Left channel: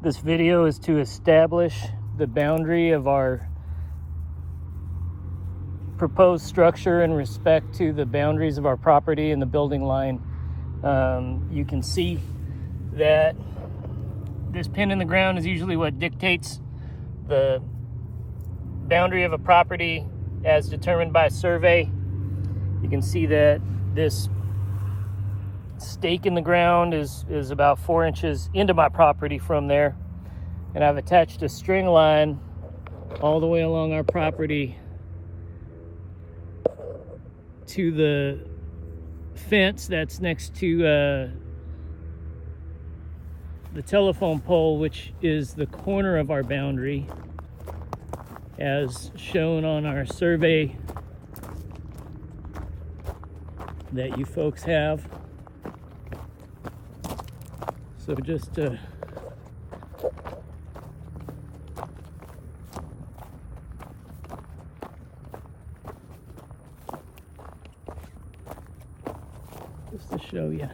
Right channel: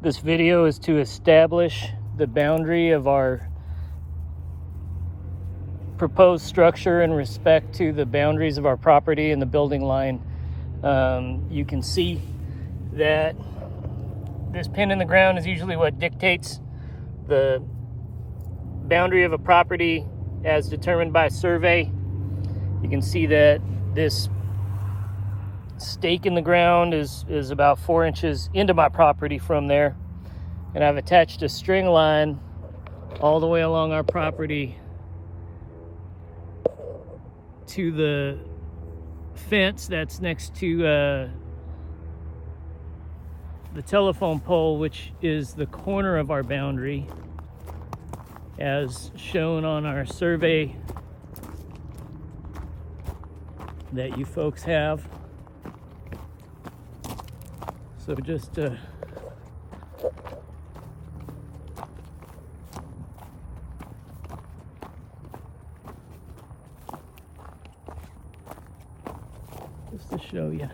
This video is to establish the boundary of our proposed structure in respect to the boundaries of our property and the building line. You can see that this pin in the ground is usually what dictates the boundary of a property as determined by survey. You can see that this stake in the ground is about 4 inches into my property from there, and I've attached a string line all the way along our property to the fence that's next to the telephone pole, which is the corner of our boundary as shown on our survey that you folks have. So just to show you.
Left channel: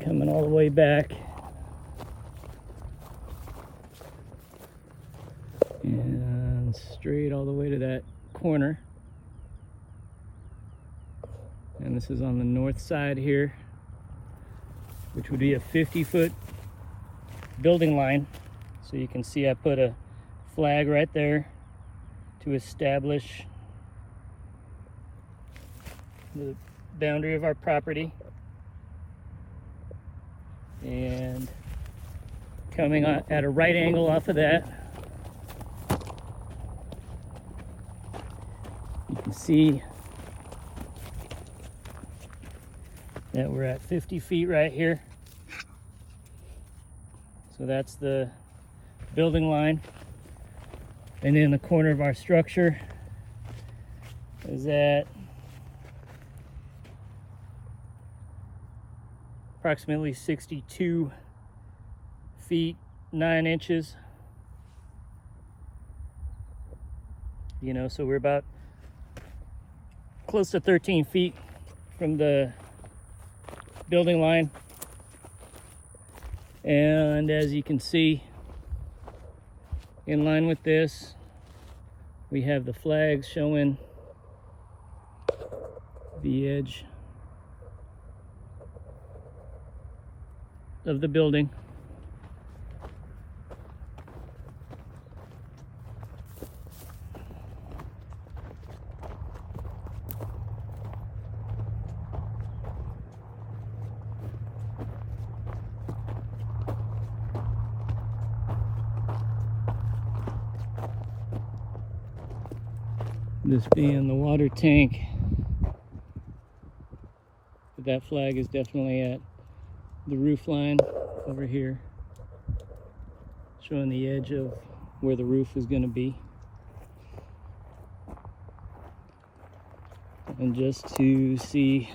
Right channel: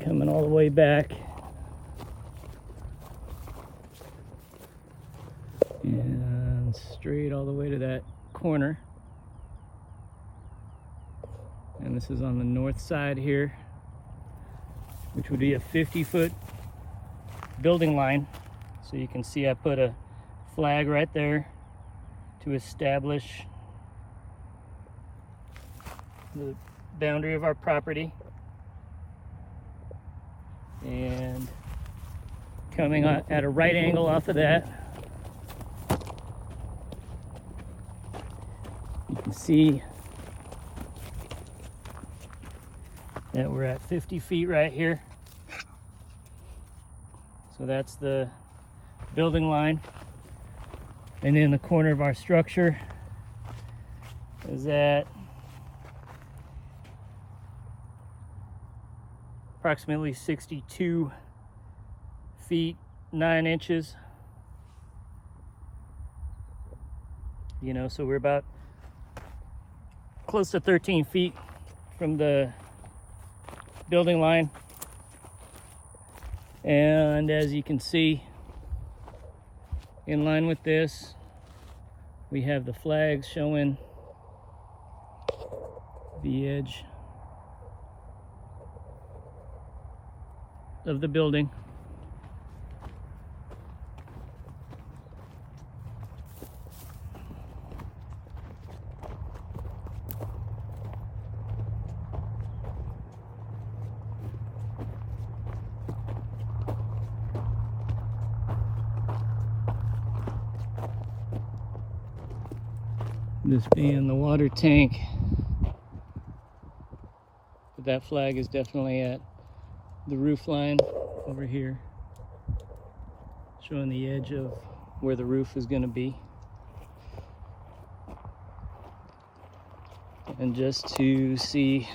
Coming all the way back. And straight all the way to that corner. And this is on the north side here, which would be a 50-foot building line. So you can see I put a flag right there to establish the boundary of our property. And coming at a right angle off of that, you can see that we're at 50 feet right here. So that's the building line. And then the corner of our structure is at approximately 62 feet 9 inches. You know, so we're about close to 13 feet from the building line. And as you can see, in line with this, we have the flags showing the edge of the building. This being the water tank, but that flag is definitely at the roof line over here, showing the edge of where the roof is going to be. And just to see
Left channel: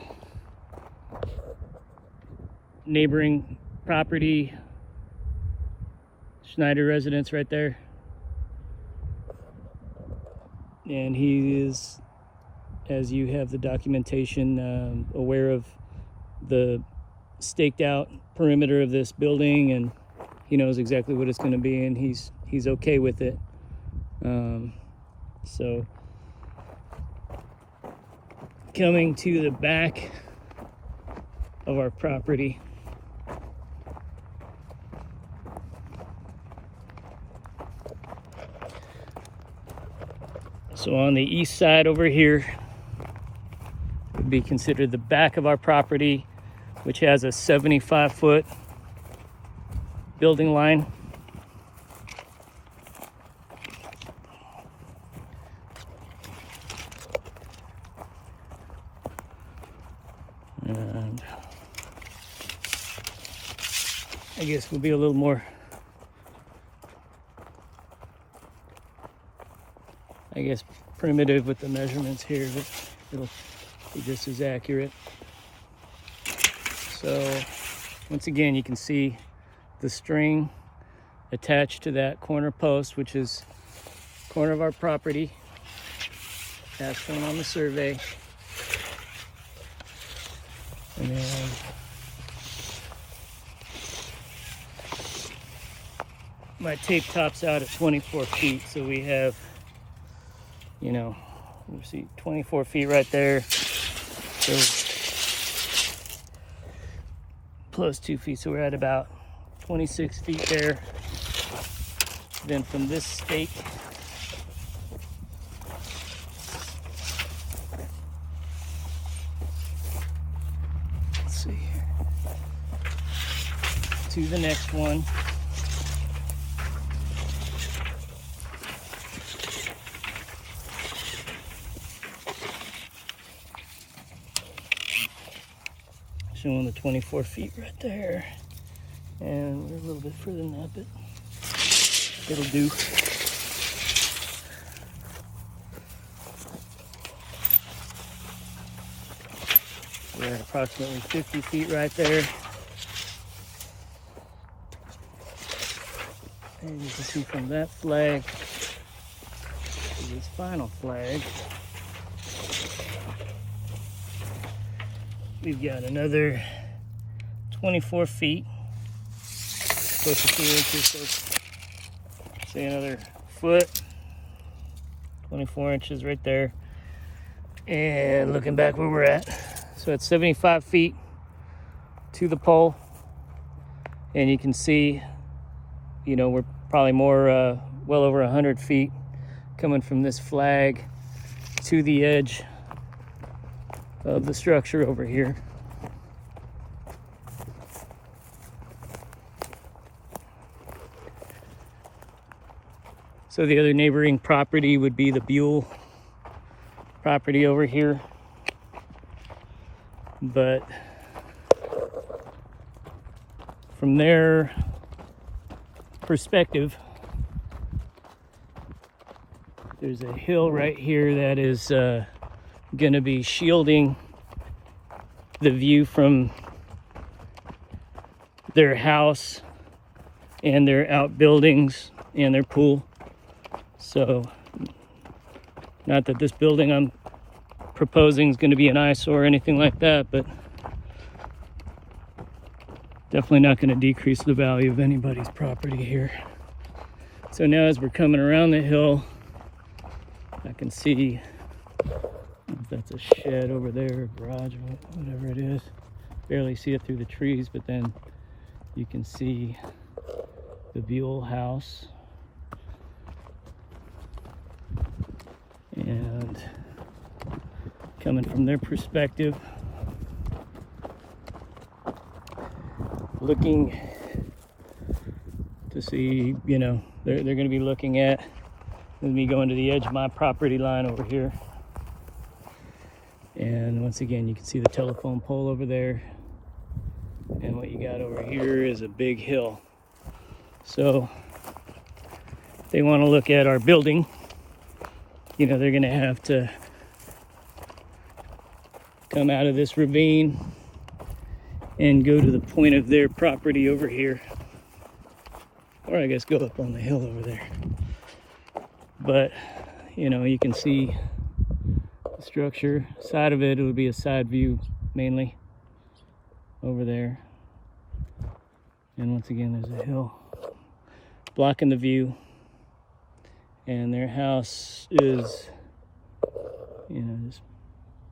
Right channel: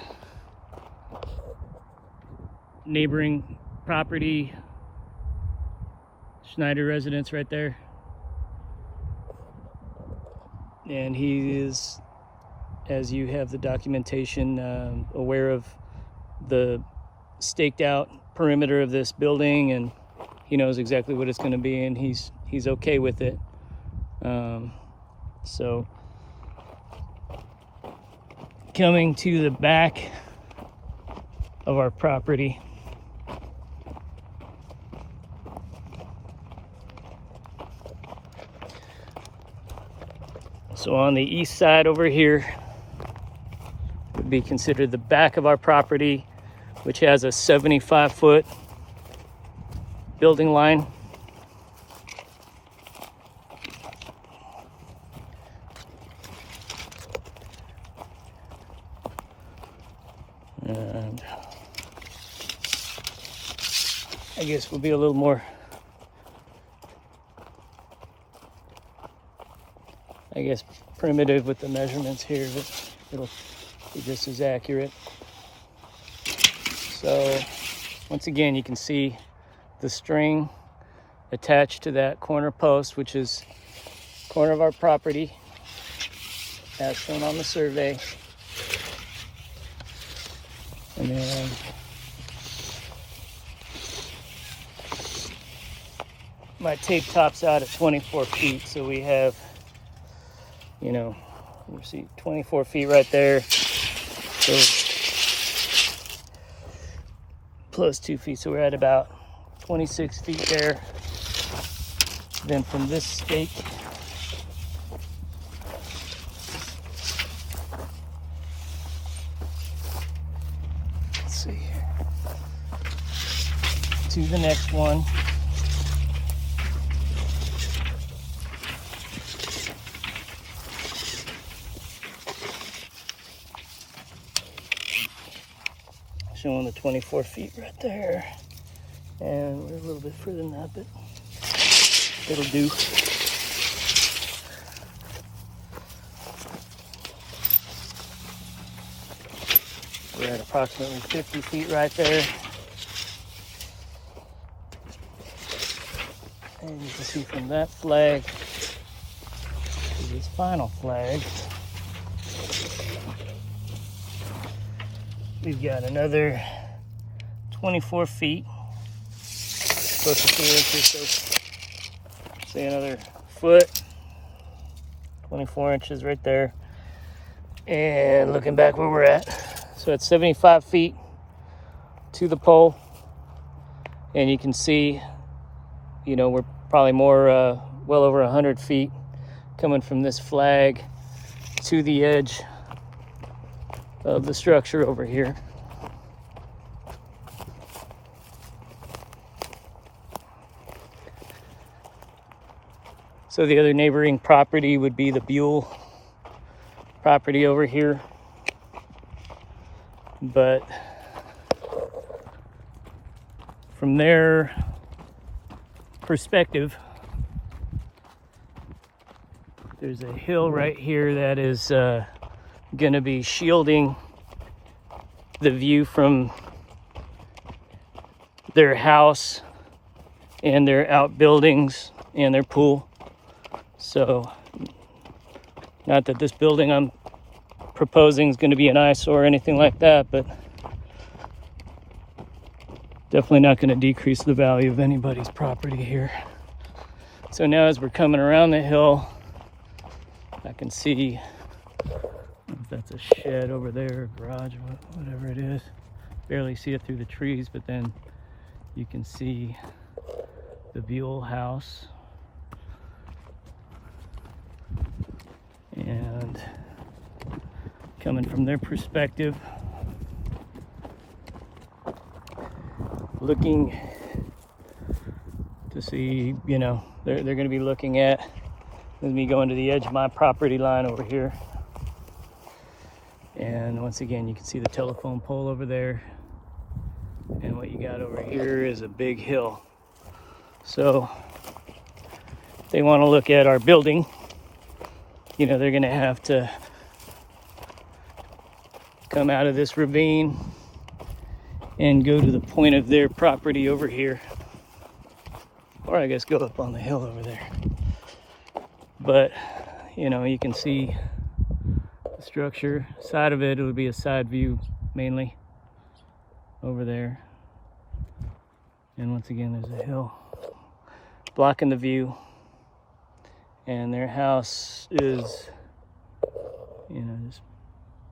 neighboring property, Schneider residence right there. And he is, as you have the documentation, aware of the staked out perimeter of this building, and he knows exactly what it's going to be, and he's okay with it. So coming to the back of our property, so on the east side over here would be considered the back of our property, which has a 75-foot building line. And I guess we'll be a little more, primitive with the measurements here, but it'll be just as accurate. So once again, you can see the string attached to that corner post, which is corner of our property, as shown on the survey. And then my tape tops out at 24 feet. So we have, you know, you see 24 feet right there. So plus 2 feet. So we're at about 26 feet there. Then from this stake, let's see here, to the next one. Showing the 24 feet right there. And we're a little bit further than that, but it'll do. We're at approximately 50 feet right there. And you can see from that flag to this final flag, we've got another 24 feet, close to 2 inches, so say another foot, 24 inches right there. And looking back where we're at, so it's 75 feet to the pole. And you can see, you know, we're probably more, well over 100 feet coming from this flag to the edge of the structure over here. So the other neighboring property would be the Buell property over here. But from their perspective, there's a hill right here that is going to be shielding the view from their house and their outbuildings and their pool. So, not that this building I'm proposing is going to be an eyesore or anything like that, but definitely not going to decrease the value of anybody's property here. So now as we're coming around the hill, I can see if that's a shed over there, a garage, whatever it is. Barely see it through the trees, but then you can see the Buell house. And coming from their perspective, looking to see, you know, they're going to be looking at me going to the edge of my property line over here. And once again, you can see the telephone pole over there. And what you got over here is a big hill. So if they want to look at our building, you know, they're going to have to come out of this ravine and go to the point of their property over here. Or I guess go up on the hill over there. But, you know, you can see the structure. Side of it would be a side view mainly over there. And once again, there's a hill blocking the view. And their house is, you know, just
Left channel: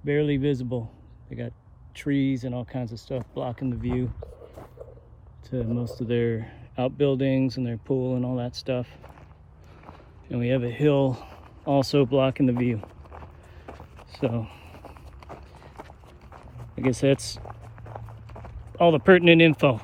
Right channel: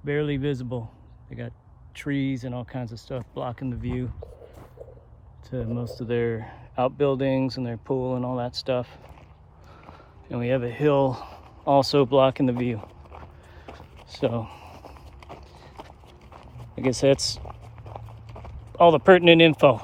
barely visible. They got trees and all kinds of stuff blocking the view to most of their outbuildings and their pool and all that stuff. And we have a hill also blocking the view. So I guess that's all the pertinent info.